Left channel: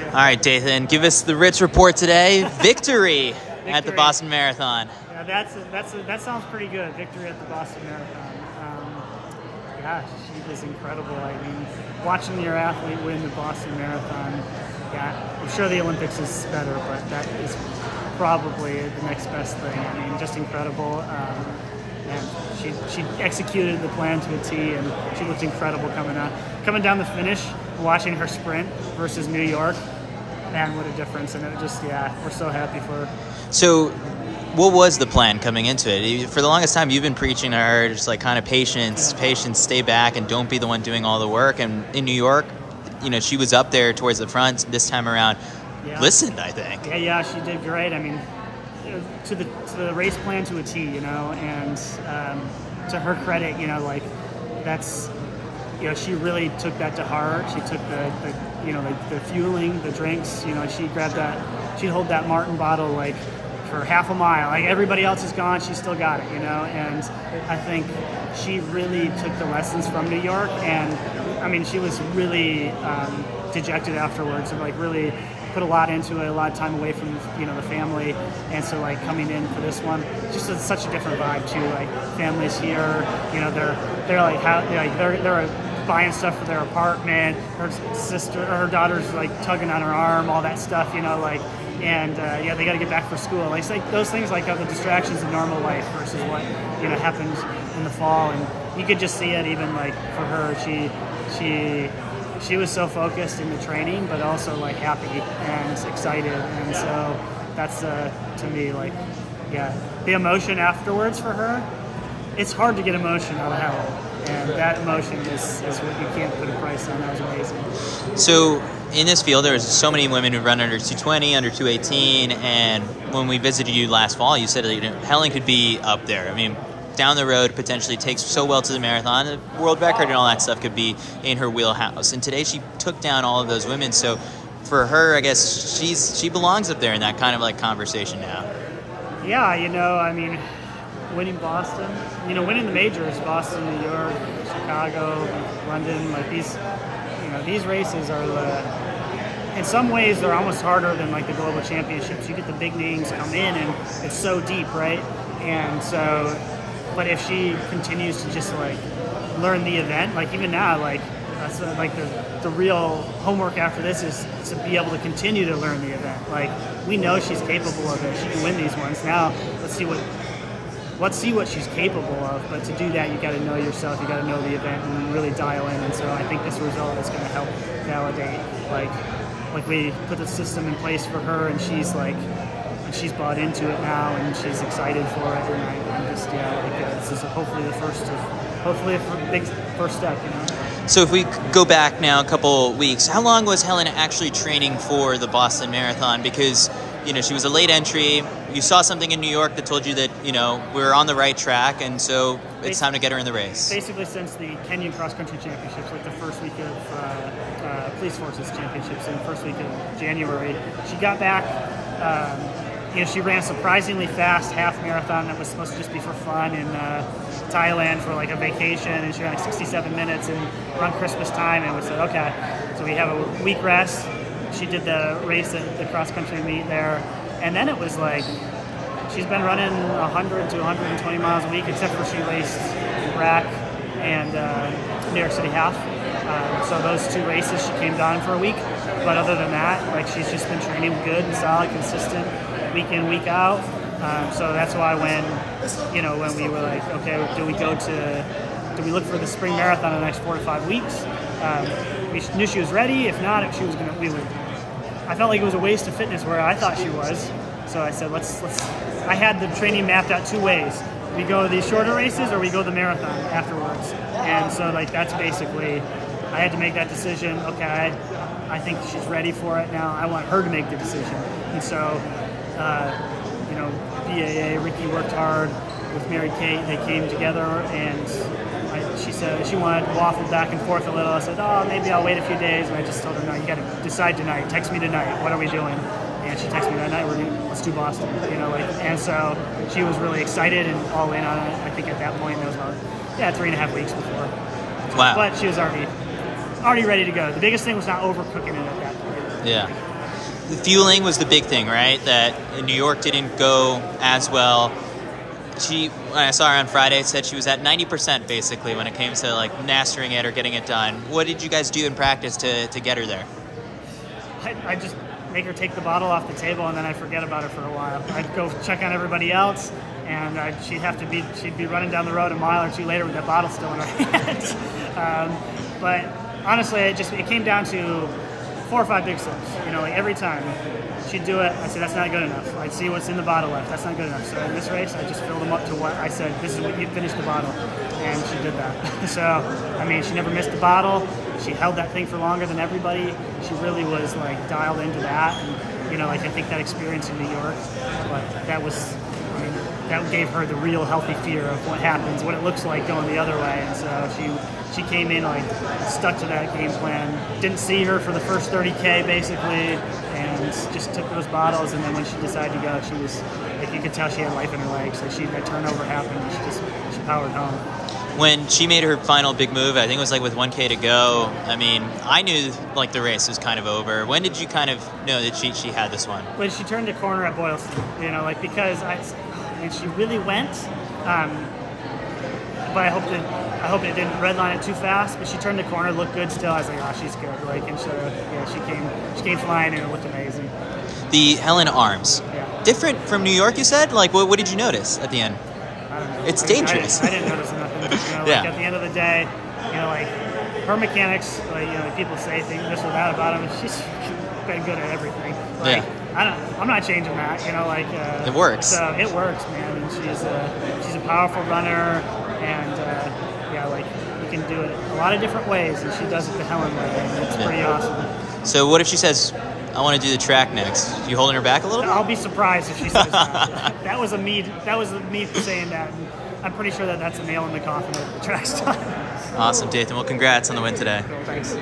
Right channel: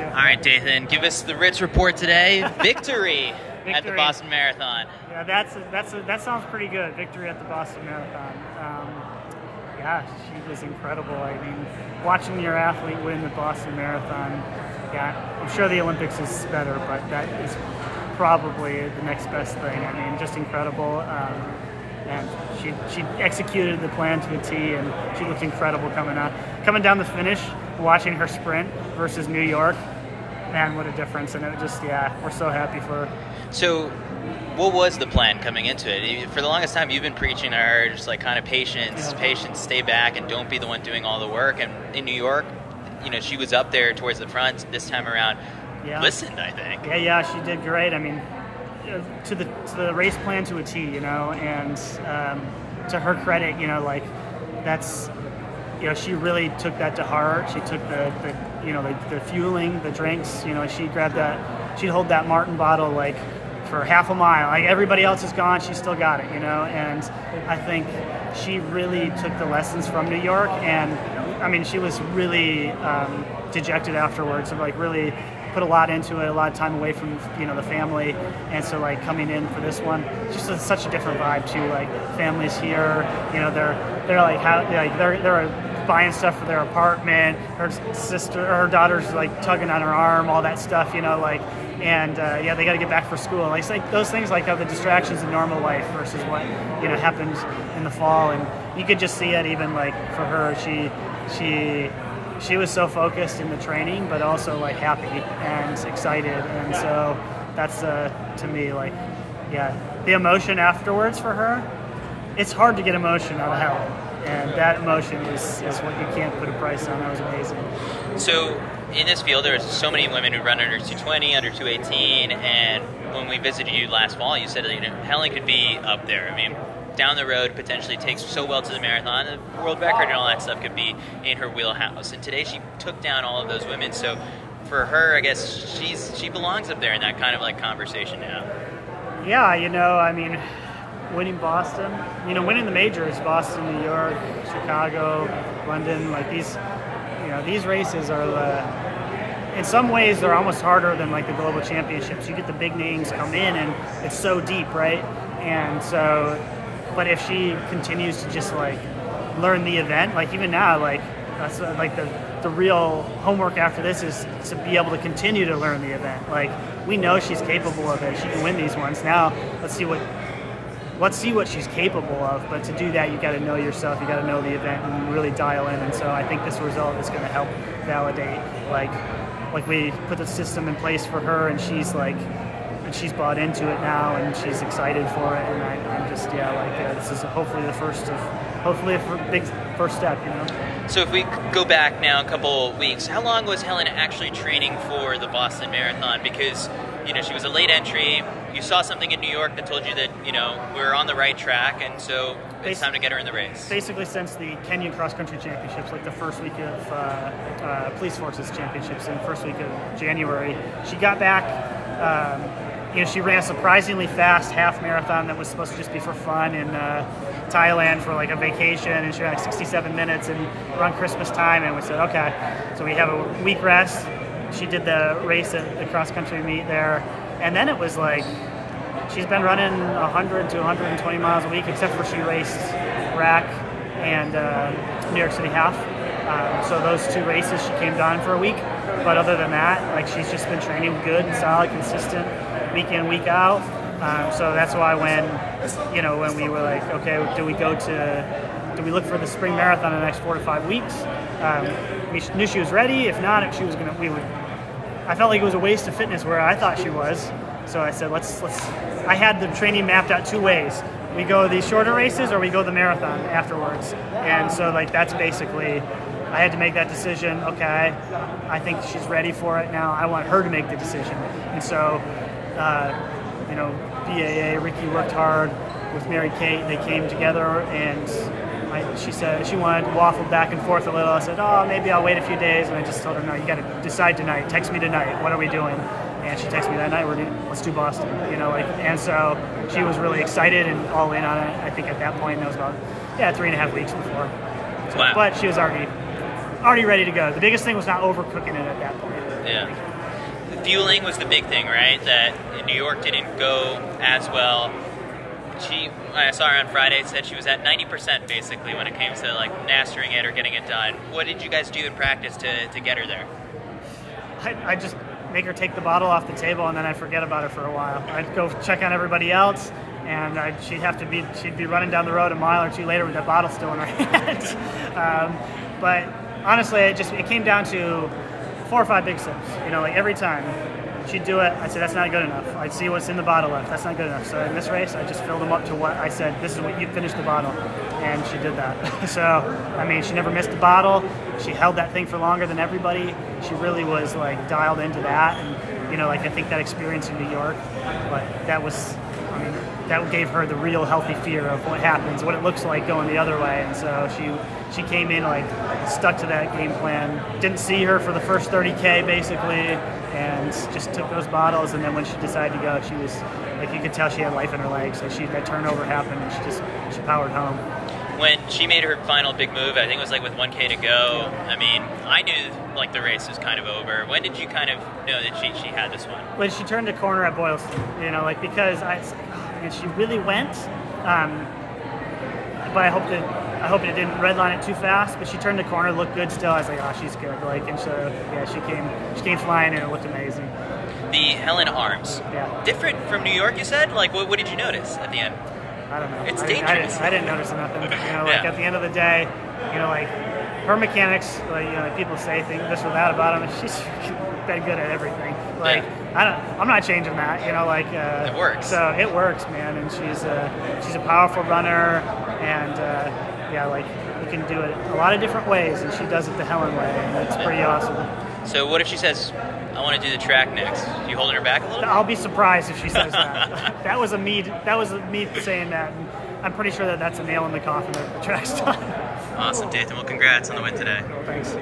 you. All right, Dathan, give us the Ritz report today. Victory at the Boston Marathon. Yeah, that sounds pretty good. Victory at the Boston Marathon. Yeah, she was incredible. I mean, watching your athlete win the Boston Marathon, yeah, I'm sure the Olympics is better, but that is probably the next best thing. I mean, just incredible. And she executed the plan to a T, and she looked incredible coming down the finish, watching her sprint versus New York. Man, what a difference. And it just, yeah, we're so happy for her. So what was the plan coming into it? For the longest time, you've been preaching to her, just like kind of patience, stay back and don't be the one doing all the work. And in New York, you know, she was up there towards the front this time around. Yeah. Listened, I think. Yeah, she did great. I mean, to the race plan to a T, you know, and to her credit, you know, like that's, you know, she really took that to heart. She took the fueling, the drinks, you know, she'd hold that Martin bottle like for half a mile. Like everybody else is gone, she still got it, you know, and I think she really took the lessons from New York, and I mean, she was really dejected afterwards, and like really put a lot into it, a lot of time away from, you know, the family, and so like coming in for this one, just such a different vibe too. Like families here, you know, they're buying stuff for their apartment. Her daughter's like tugging on her arm, all that stuff, you know, like, and yeah, they got to get back for school. Like, it's like those things like are the distractions in normal life versus what, you know, happens in the fall, and you could just see it even like for her. She was so focused in the training, but also like happy and excited, and so that's to me, like, yeah, the emotion afterwards for her. It's hard to get emotion out of Hellen, and that emotion is what you can't put a price on. That was amazing. So in this field, there's so many women who run under 220, under 218, and when we visited you last fall, you said that, you know, Hellen could be up there. I mean, down the road, potentially takes so well to the marathon, the world record and all that stuff could be in her wheelhouse. And today she took down all of those women. So for her, I guess she belongs up there in that kind of like conversation now. Yeah, you know, I mean, winning Boston, you know, winning the majors, Boston, New York, Chicago, London, like these, you know, these races are in some ways they're almost harder than like the global championships. You get the big names come in and it's so deep, right? And so, but if she continues to just like learn the event, like even now, like that's like the real homework after this is to be able to continue to learn the event. Like we know she's capable of it. She can win these ones. Now let's see what she's capable of. But to do that, you got to know yourself. You got to know the event and really dial in. And so I think this result is going to help validate like we put the system in place for her, and she's like. And she's bought into it now, and she's excited for it, and I'm just, yeah, like this is hopefully a big first step, you know. So if we go back now a couple weeks, how long was Hellen actually training for the Boston Marathon? Because, you know, she was a late entry. You saw something in New York that told you that, you know, we're on the right track, and so it's time to get her in the race. Basically since the Kenyan Cross Country Championships, like the first week of Police Forces Championships in the first week of January, she got back. You know, she ran a surprisingly fast half marathon that was supposed to just be for fun in Thailand for like a vacation, and she ran like 67 minutes and around Christmas time, and we said, okay, so we have a week rest. She did the race at the cross country meet there, and then it was like she's been running 100 to 120 miles a week, except for she raced RAC and New York City half. So those two races she came down for a week, but other than that, like she's just been training good and solid, consistent, week in, week out. So that's why when we were like, okay, do we look for the spring marathon in the next 4 to 5 weeks? We knew she was ready. If not, if she was gonna, I felt like it was a waste of fitness where I thought she was. So I said, I had the training mapped out 2 ways. We go these shorter races or we go the marathon afterwards. And so like, that's basically, I had to make that decision. Okay, I think she's ready for it now. I want her to make the decision. And so, you know, BAA, Ricky worked hard with Mary Kate. They came together, and she said she wanted to waffle back and forth a little. I said, oh, maybe I'll wait a few days. And I just told her, no, you got to decide tonight. Text me tonight. What are we doing? And she texted me that night. Let's do Boston. You know, like, and so she was really excited and all in on it. I think at that point, that was about 3.5 weeks before. So, wow. But she was already ready to go. The biggest thing was not overcooking it at that point. Yeah. fueling was the big thing, right? That in New York didn't go as well. She, when I saw her on Friday, said she was at 90% basically when it came to like mastering it or getting it done. What did you guys do in practice to get her there? I just make her take the bottle off the table, and then I'd forget about her for a while. I'd go check on everybody else, and she'd be running down the road a mile or two later with that bottle still in her hand. But honestly, it came down to 4 or 5 big sips. You know, like every time she'd do it, I'd say, that's not good enough. I'd see what's in the bottle left. That's not good enough. So in this race, I just filled them up to what I said, this is what you finished the bottle. And she did that. So, I mean, she never missed the bottle. She held that thing for longer than everybody. She really was like dialed into that. And, you know, like I think that experience in New York, like that was, I mean, that gave her the real healthy fear of what happens, what it looks like going the other way. And so she came in like stuck to that game plan. Didn't see her for the first 30K basically, and just took those bottles. And then when she decided to go, she was like, you could tell she had life in her legs. Like that turnover happened, and she powered home. When she made her final big move, I think it was like with 1K to go. I mean, I knew like the race was kind of over. When did you kind of know that she had this one? When she turned the corner at Boylston, you know, like because and she really went. But I hope it didn't redline it too fast. But she turned the corner, looked good still. I was like, oh, she's good. Like, and so yeah, she came flying, and it looked amazing. The Hellen arms, yeah, different from New York. You said, like, what did you notice at the end? I don't know. It's dangerous. I didn't notice nothing. You know, like yeah. At the end of the day, you know, like her mechanics, like, you know, like people say things this or that about him. She's been good at everything. Like I'm not changing that. You know, like it works. So it works, man. And she's a powerful runner, and yeah, like you can do it a lot of different ways, and she does it the Hellen way, and it's pretty awesome. So what if she says, I want to do the track next? You holding her back a little? I'll be surprised if she says that. That was me saying that, and I'm pretty sure that's a nail in the coffin that the track's done. Awesome, Dathan. Well, congrats on the win today. Cool, thanks.